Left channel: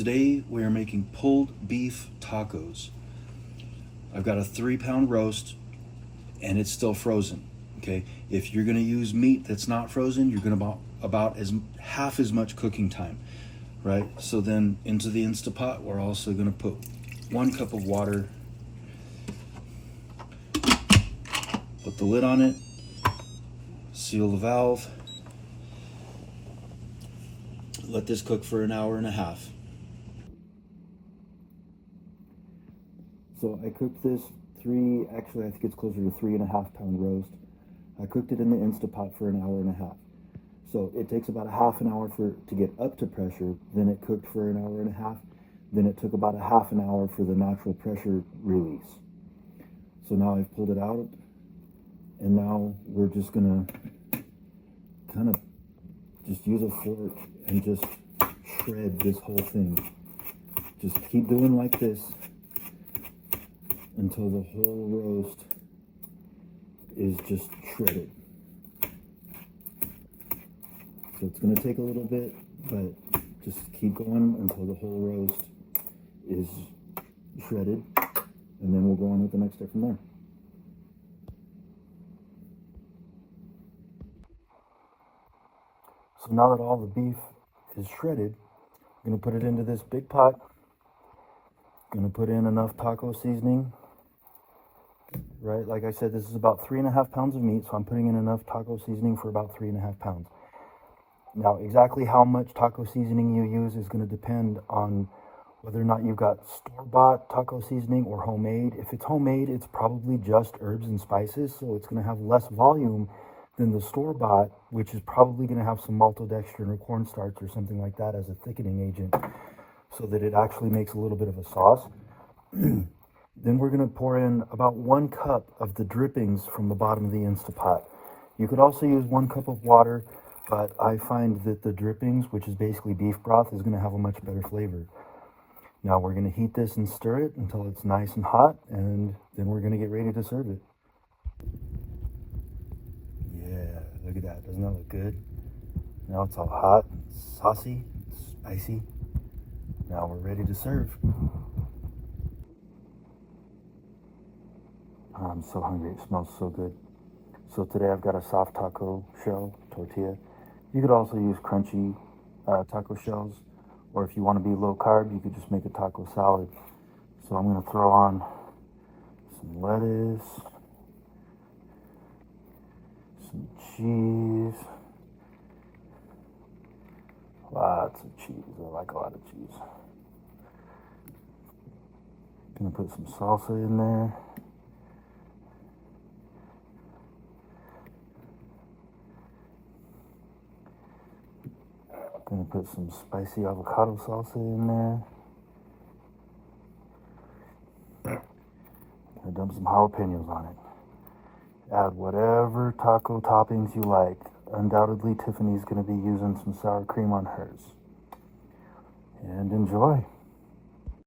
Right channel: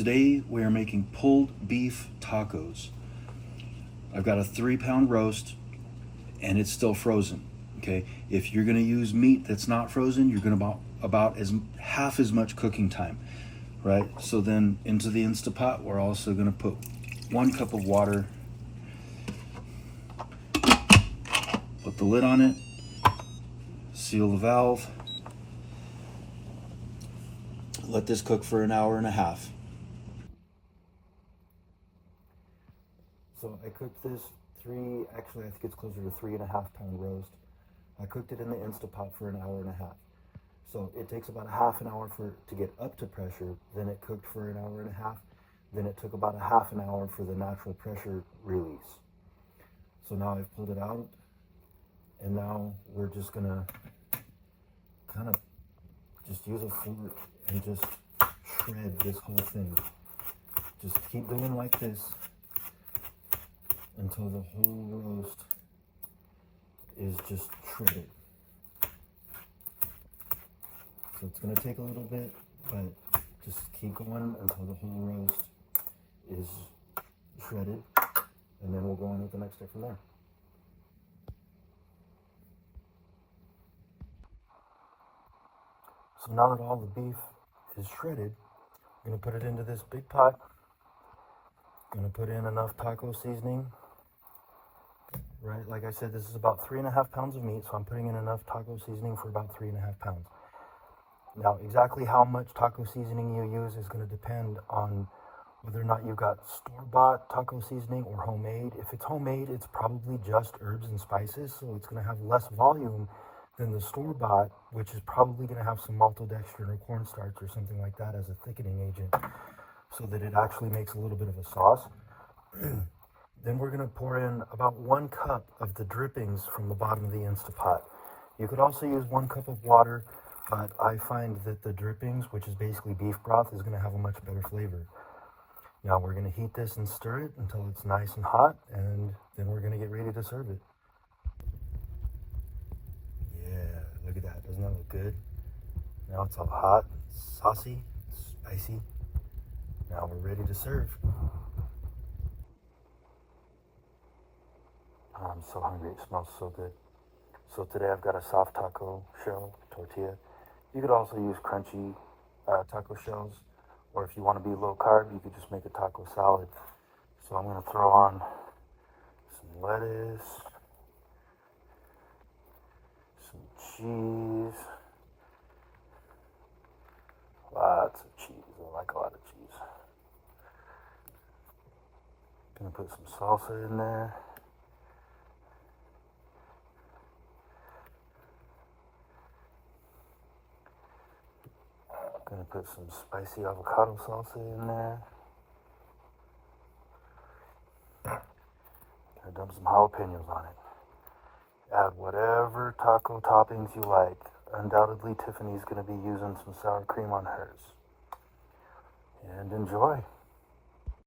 Today we are making pulled beef tacos. I've got a 3-pound roast and it's still frozen. Okay, if you're gonna use meat that's not frozen, you're gonna about as half as much cooking time, right? So then into the Instapot, we're also gonna put 1 cup of water, put the lid on it, seal the valve, let this cook for an hour and a half. So I cooked this actually I think it's closer to 3.5-pound roast. I cooked it in the Instapot for an hour and a half. So it takes about a half an hour for it to get up to pressure, then it cooked for an hour and a half, then it took about a half an hour for the natural pressure release. So now I've pulled it out, and now we're just gonna kind of just use a fork and just shred this whole thing. Just keep doing like this until the whole roast is just shredded. So it's going to take a little bit, but just keep going until the whole roast is shredded, and then we'll go on with the next step from there. So now that all the beef is shredded, I'm going to put it into this big pot. Going to put in enough taco seasoning. Right, like I said, this is about 3.5 pounds of meat, so I'm putting in enough taco seasoning for about 3.5 pounds. Now, exactly how much taco seasoning you use is going to depend on whether or not you've got store-bought taco seasoning or homemade. If it's homemade, it's probably just herbs and spices, so it's going to have less volume than the store-bought, which is probably going to have some maltodextrin or cornstarch or something like that as a thickening agent, so that it actually makes a little bit of a sauce. Then we're going to pour in about 1 cup of the drippings from the bottom of the Instapot. You could also use 1 cup of water, but I find that the drippings, which is basically beef broth, is going to have a much better flavor. Now we're going to heat this and stir it until it's nice and hot, and then we're going to get ready to serve it. Yeah, look at that. Doesn't that look good? Now it's all hot, saucy, spicy. Now we're ready to serve. I'm so hungry, it smells so good. So today I've got a soft taco shell tortilla. You could also use crunchy taco shells, or if you want to be low carb, you could just make a taco salad. So I'm going to throw on some lettuce, some cheese, lots of cheese. I like a lot of cheese. Gonna put some salsa in there. Gonna put some spicy avocado salsa in there. Gonna dump some jalapenos on it. Add whatever taco toppings you like. Undoubtedly, Tiffany's gonna be using some sour cream on hers. And enjoy.